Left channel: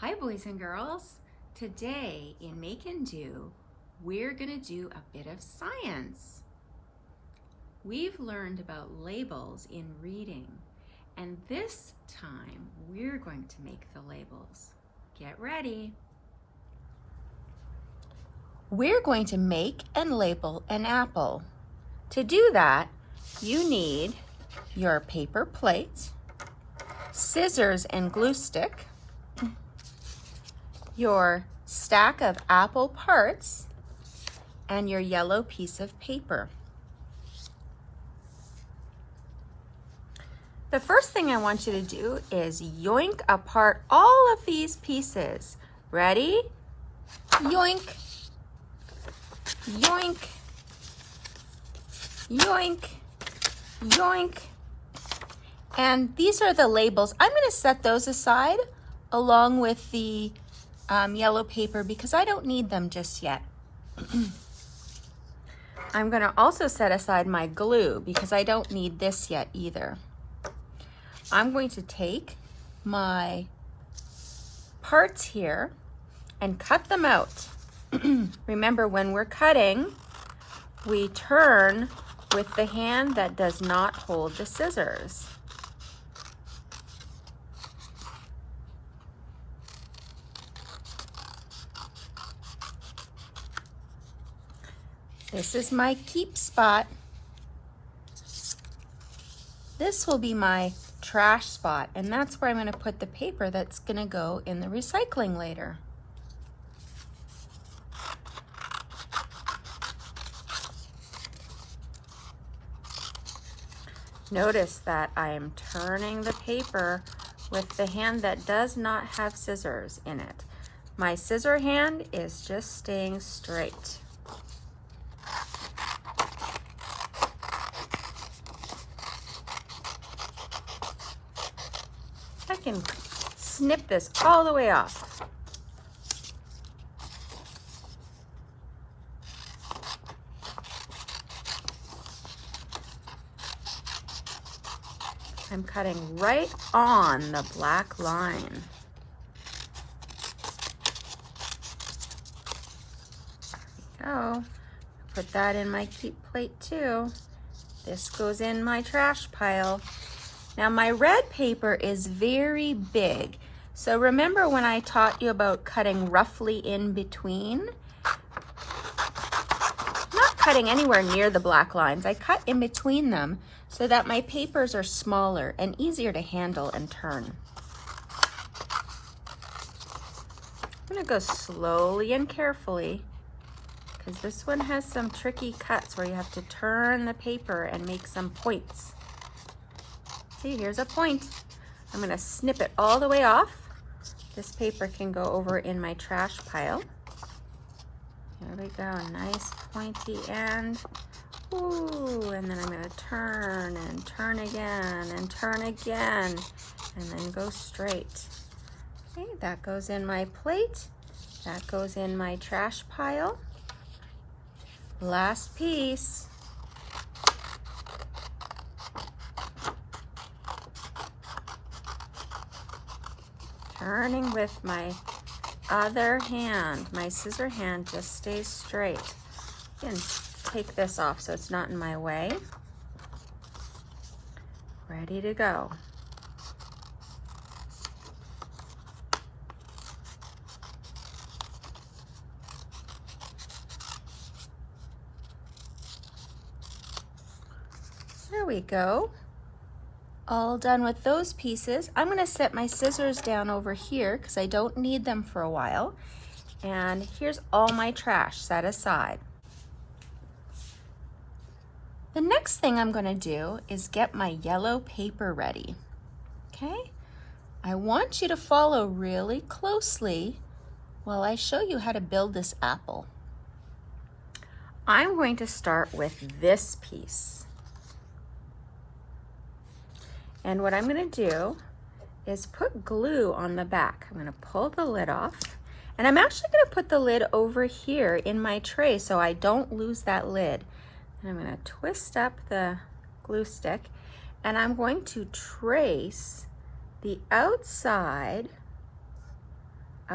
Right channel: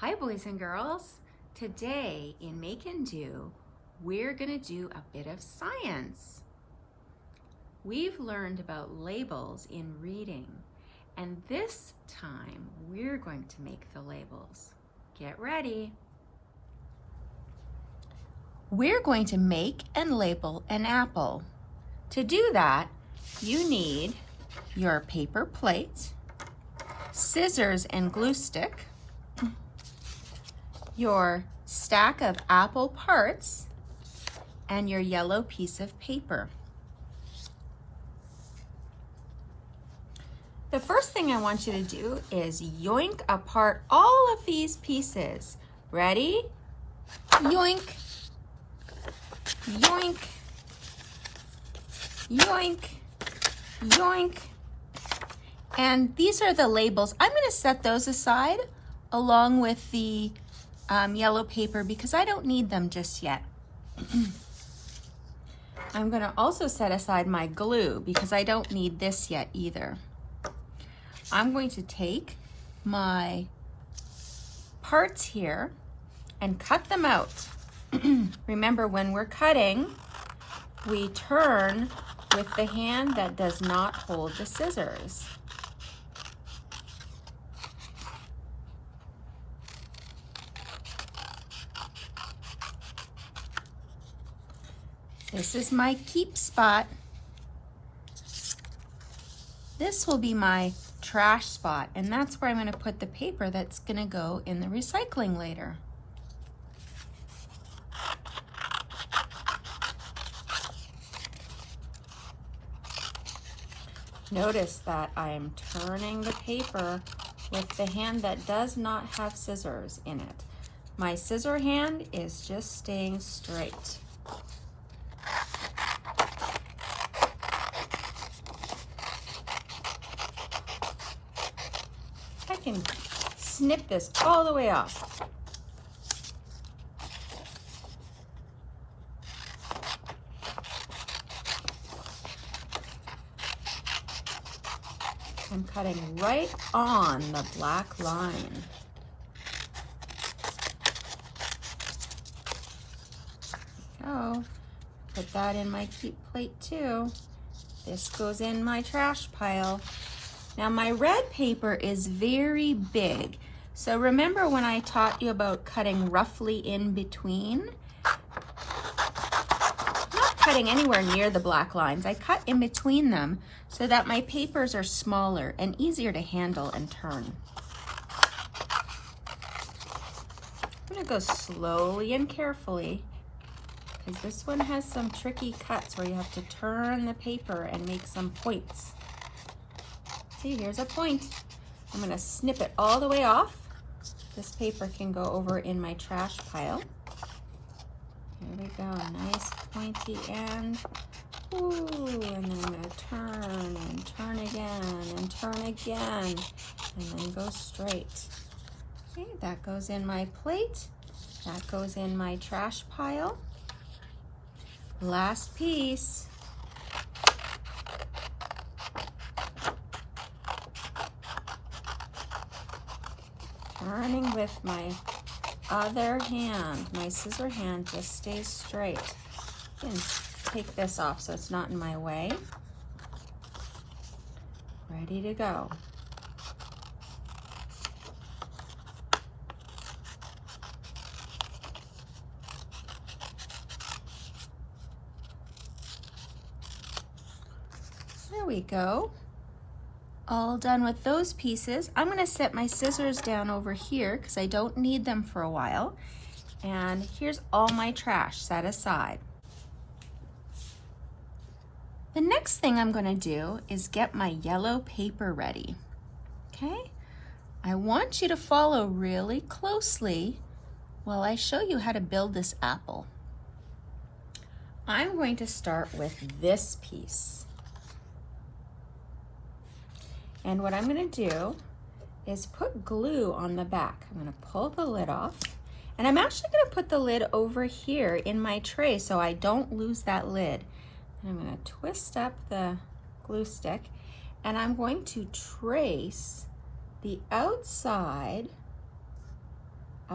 Hi boys and girls. Today in Make and Do, we're going to do a bit of science. We've learned about labels in reading, and this time we're going to make the labels. Get ready. We're going to make and label an apple. To do that, you need your paper plate, scissors and glue stick, your stack of apple parts, and your yellow piece of paper. The first thing I want you to do is yoink apart all of these pieces. Ready? Yoink, yoink, yoink, yoink. And these are the labels. I'm going to set those aside along with the yellow paper because I don't need them just yet. I'm going to also set aside my glue because I don't need this yet either. I'm going to take my parts here and cut them out. Remember, when we're cutting, we turn with the hand that does not hold the scissors. This is my keep spot. This will be my trash spot, and that's where I'm going to put the paper that's going to go in the recycling later. Notice that I am turning the paper with the hand that does not have scissors in it. My scissor hand is just staying straight. I can snip this all the way off. I'm cutting right on the black line. Oh, put that in my keep plate too. This goes in my trash pile. Now my red paper is very big. So remember when I taught you about cutting roughly in between? Not cutting anywhere near the black lines. I cut in between them so that my papers are smaller and easier to handle and turn. I'm gonna go slowly and carefully because this one has some tricky cuts where you have to turn the paper and make some points. See, here's a point. I'm gonna snip it all the way off. This paper can go over in my trash pile. There we go, nice pointy end. Ooh, and then I'm gonna turn and turn again and turn again, and then go straight. Okay, that goes in my plate. That goes in my trash pile. Last piece. Turning with my other hand. My scissor hand just stays straight. And take this off so it's not in my way. Ready to go. There we go. All done with those pieces. I'm going to set my scissors down over here because I don't need them for a while. And here's all my trash set aside. The next thing I'm going to do is get my yellow paper ready. Okay? I want you to follow really closely while I show you how to build this apple. I'm going to start with this piece. And what I'm going to do is put glue on the back. I'm going to pull the lid off. And I'm actually going to put the lid over here in my tray so I don't lose that lid. And I'm going to twist up the glue stick, and I'm going to trace the outside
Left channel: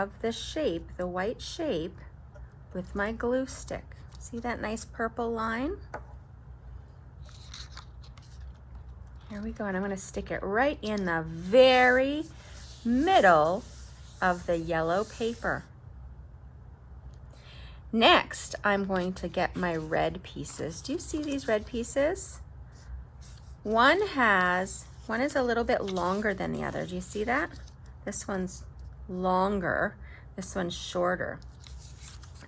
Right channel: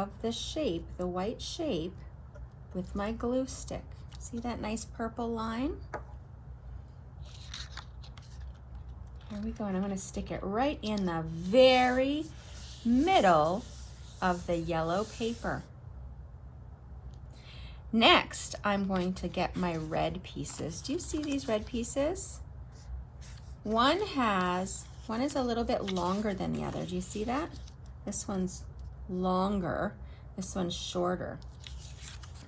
of the shape, the white shape, with my glue stick. See that nice purple line? There we go, and I'm going to stick it right in the very middle of the yellow paper. Next, I'm going to get my red pieces. Do you see these red pieces? One is a little bit longer than the other. Do you see that? This one's longer, this one's shorter.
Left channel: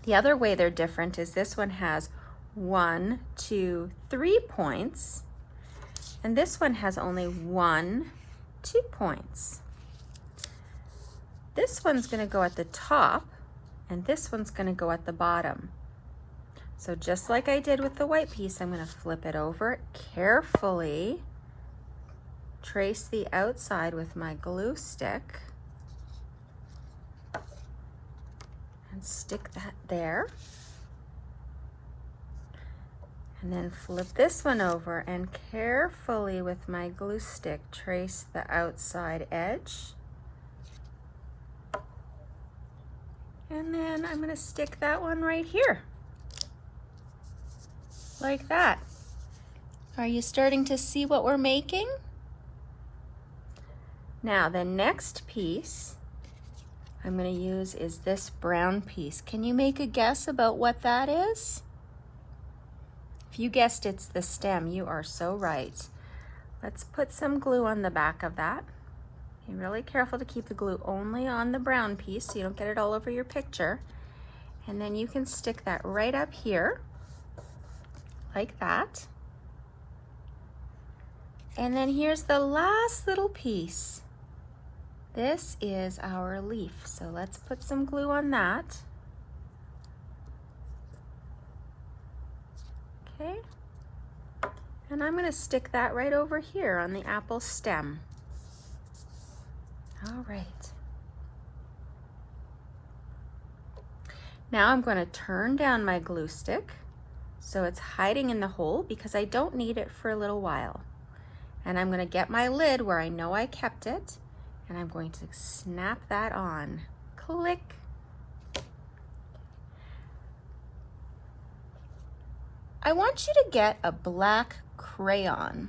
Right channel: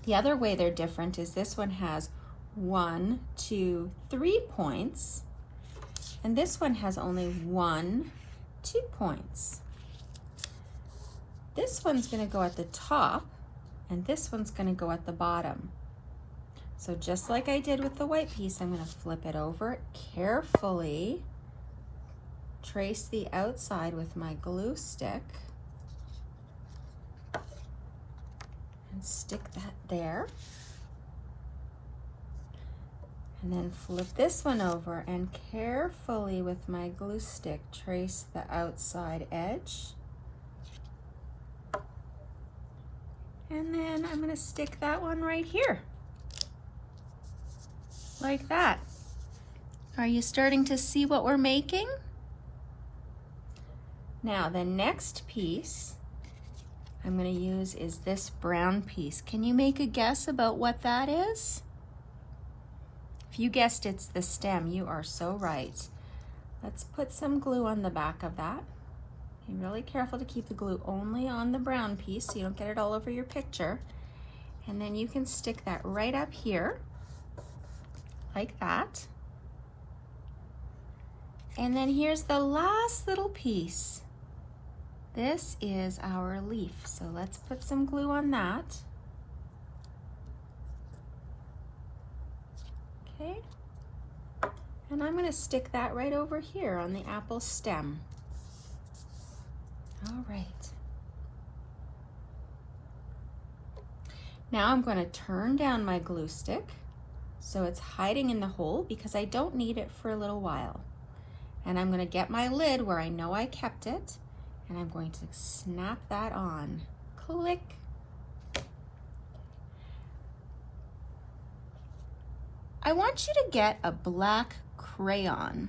The other way they're different is this one has 1, 2, 3 points, and this one has only 1, 2 points. This one's going to go at the top, and this one's going to go at the bottom. So just like I did with the white piece, I'm going to flip it over carefully, trace the outside with my glue stick, and stick that there. And then flip this one over and carefully with my glue stick trace the outside edge. And then I'm going to stick that one right here, like that. Are you starting to see what we're making? Now the next piece I'm going to use is this brown piece. Can you make a guess about what that is? If you guessed it's the stem, you are so right. Let's put some glue on the back of that. Be really careful to keep the glue only on the brown piece so you don't get it all over your picture. And then you can stick that right up here, like that. And then here's the last little piece. This is our leaf, so let's put some glue on that. Okay, and I'm going to stick that right over here on the apple stem. All right. Now I'm going to turn down my glue stick so it's hiding in the hole because I don't need it for a little while. And I'm going to get my lid where I know I kept it, and I'm going to snap that on. Click. I want you to get a black crayon,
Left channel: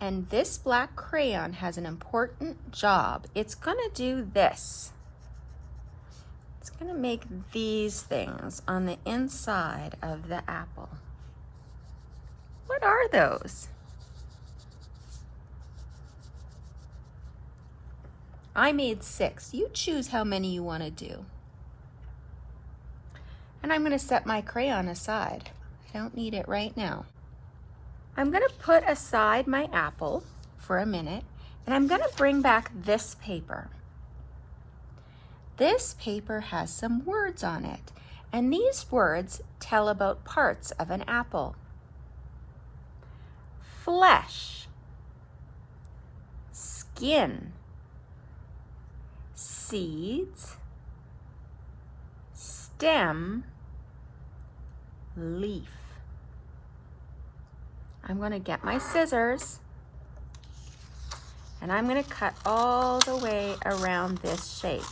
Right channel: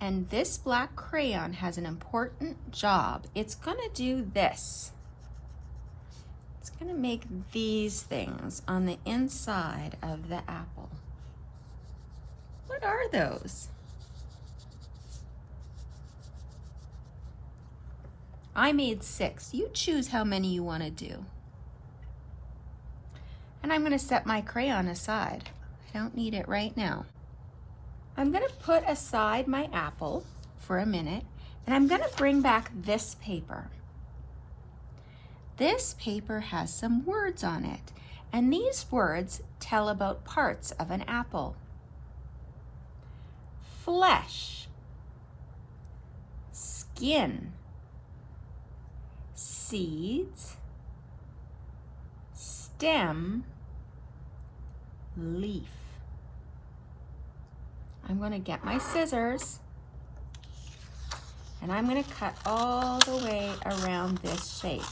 and this black crayon has an important job. It's going to do this. It's going to make these things on the inside of the apple. What are those? I made 6. You choose how many you want to do. And I'm going to set my crayon aside. I don't need it right now. I'm going to put aside my apple for a minute, and I'm going to bring back this paper. This paper has some words on it, and these words tell about parts of an apple. Flesh, skin, seeds, stem, leaf. I'm going to get my scissors and I'm going to cut all the way around this shape,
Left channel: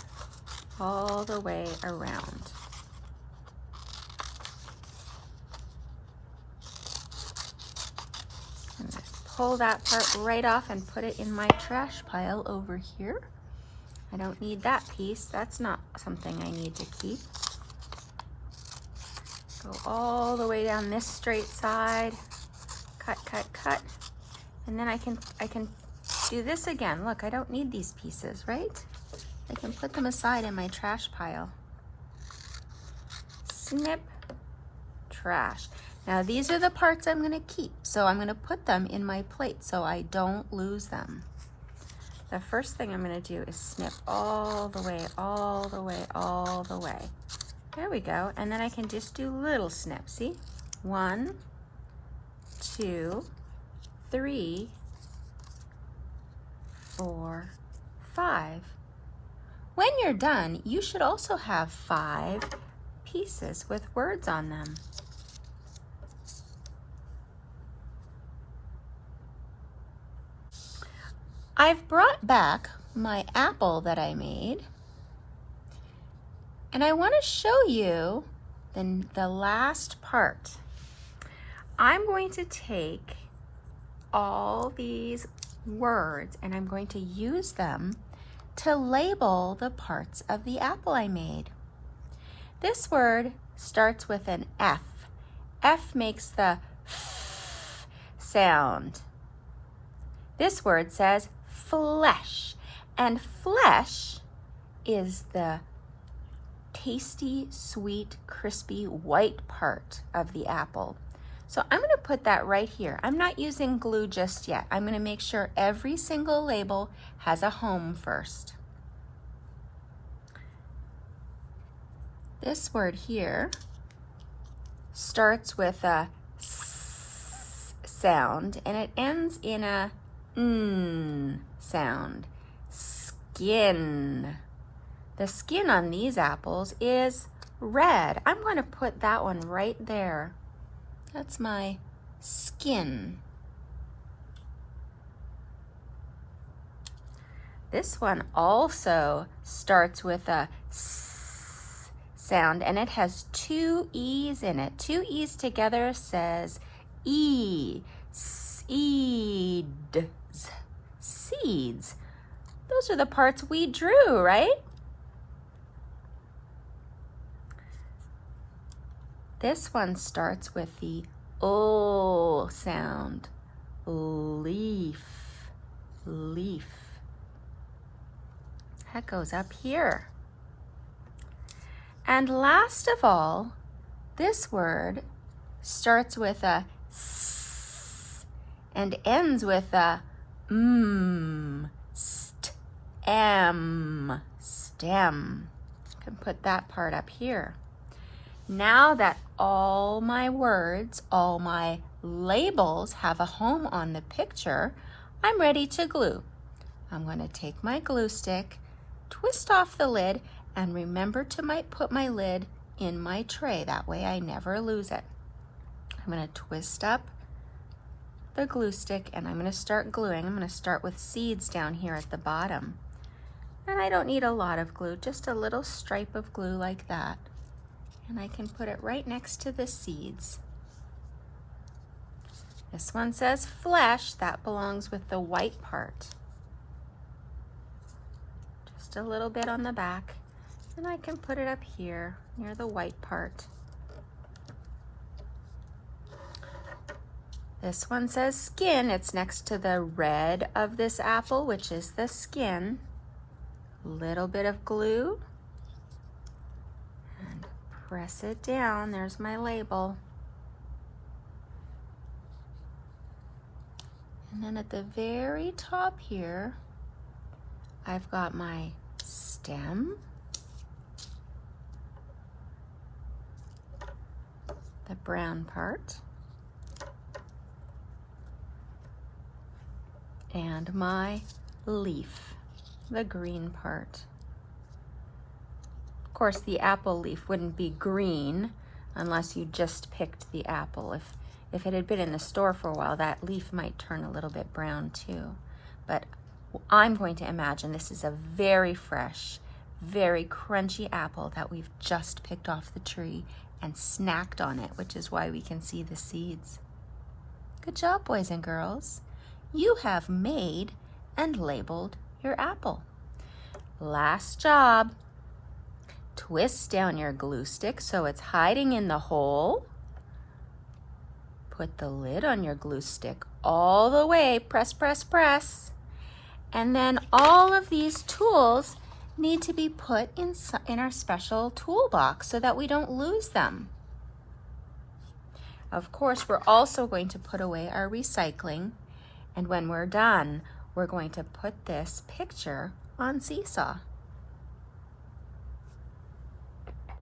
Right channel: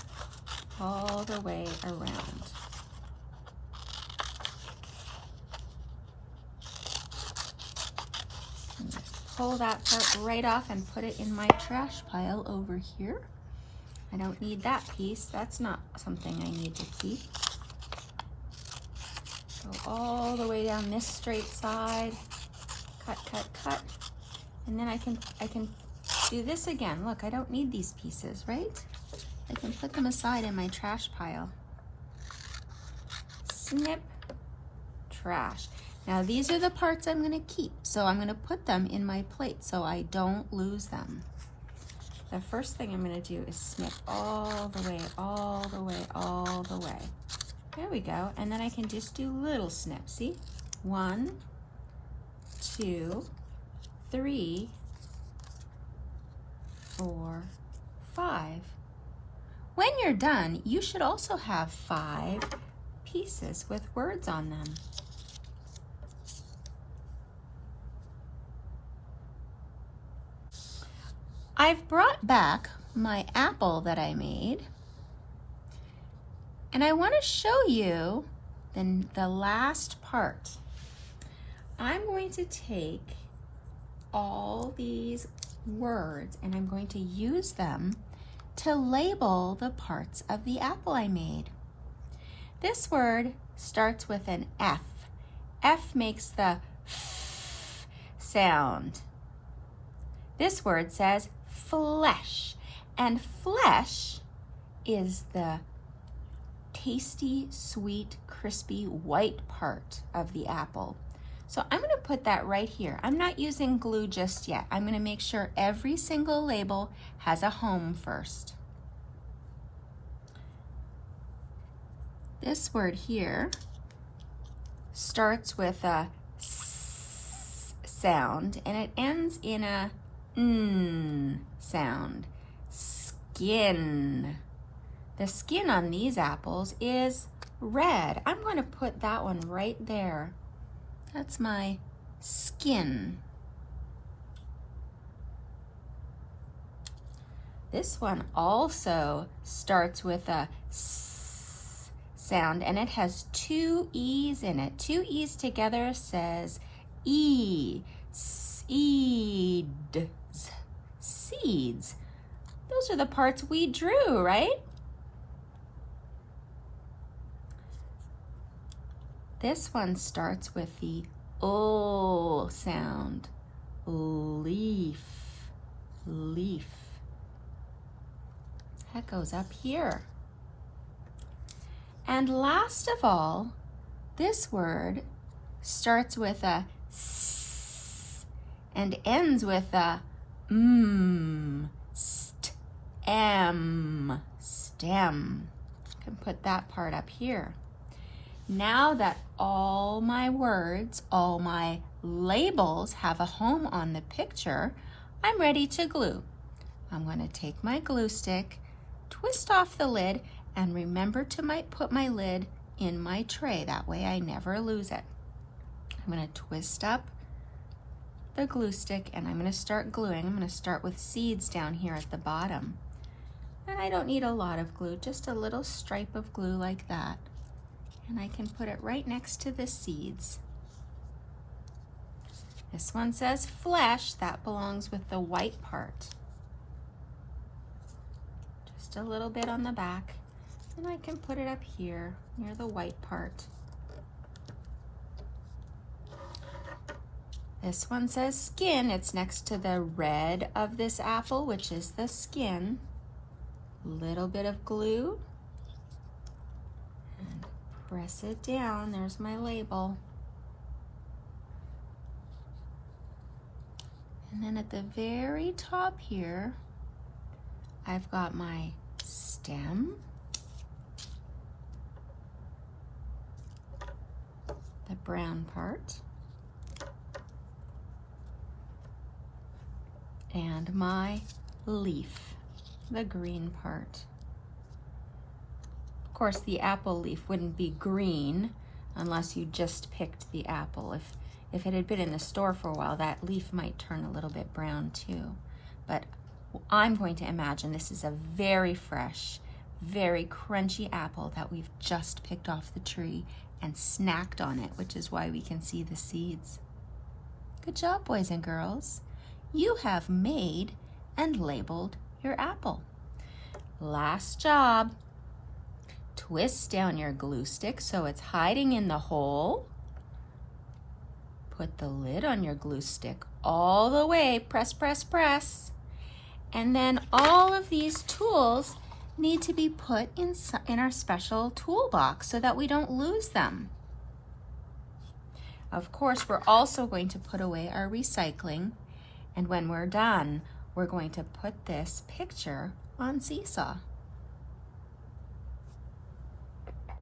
all the way around. I'm going to pull that part right off and put it in my trash pile over here. I don't need that piece. That's not something I need to keep. Go all the way down this straight side. Cut, cut, cut. And then I can do this again. Look, I don't need these pieces, right? I can put them aside in my trash pile. Snip, trash. Now these are the parts I'm going to keep. So I'm going to put them in my plate so I don't lose them. The first thing I'm going to do is snip all the way, all the way, all the way. There we go. And then I can just do little snips. See? 1, 2, 3, 4, 5. When you're done, you should also have 5 pieces with words on them. I've brought back my apple that I made, And I want to show you the last part. I'm going to take all these words and I'm going to use them to label the parts of the apple I made. This word starts with an F. F makes the F sound. This word says flesh, and flesh is the tasty, sweet, crispy, white part of the apple. So I'm going to put that right here. I'm not using glue just yet. I'm going to make sure every single label has a home first. This word here starts with a S sound and it ends in a N sound. Skin. The skin on these apples is red. I'm going to put that one right there. That's my skin. This one also starts with a S sound and it has two E's in it. Two E's together says E. Seeds. Seeds. Those are the parts we drew, right? This one starts with the O sound. Leaf. Leaf. That goes up here. And last of all, this word starts with a S and ends with a M. Stem. Stem. I can put that part up here. Now that all my words, all my labels have a home on the picture, I'm ready to glue. I'm going to take my glue stick, twist off the lid, and remember to put my lid in my tray. That way I never lose it. I'm going to twist up the glue stick and I'm going to start gluing. I'm going to start with seeds down here at the bottom. And I don't need a lot of glue, just a little stripe of glue like that. And I can put it right next to the seeds. This one says flesh. That belongs with the white part. Just a little bit on the back. And I can put it up here near the white part. This one says skin. It's next to the red of this apple, which is the skin. Little bit of glue. And press it down. There's my label. And then at the very top here, I've got my stem, the brown part, and my leaf, the green part. Of course, the apple leaf wouldn't be green unless you just picked the apple. If it had been in the store for a while, that leaf might turn a little bit brown too. But I'm going to imagine this is a very fresh, very crunchy apple that we've just picked off the tree and snacked on it, which is why we can see the seeds. Good job, boys and girls. You have made and labeled your apple. Last job. Twist down your glue stick so it's hiding in the hole. Put the lid on your glue stick all the way. Press, press, press. And then all of these tools need to be put in our special toolbox so that we don't lose them. Of course, we're also going to put away our recycling. And when we're done, we're going to put this picture on Seesaw.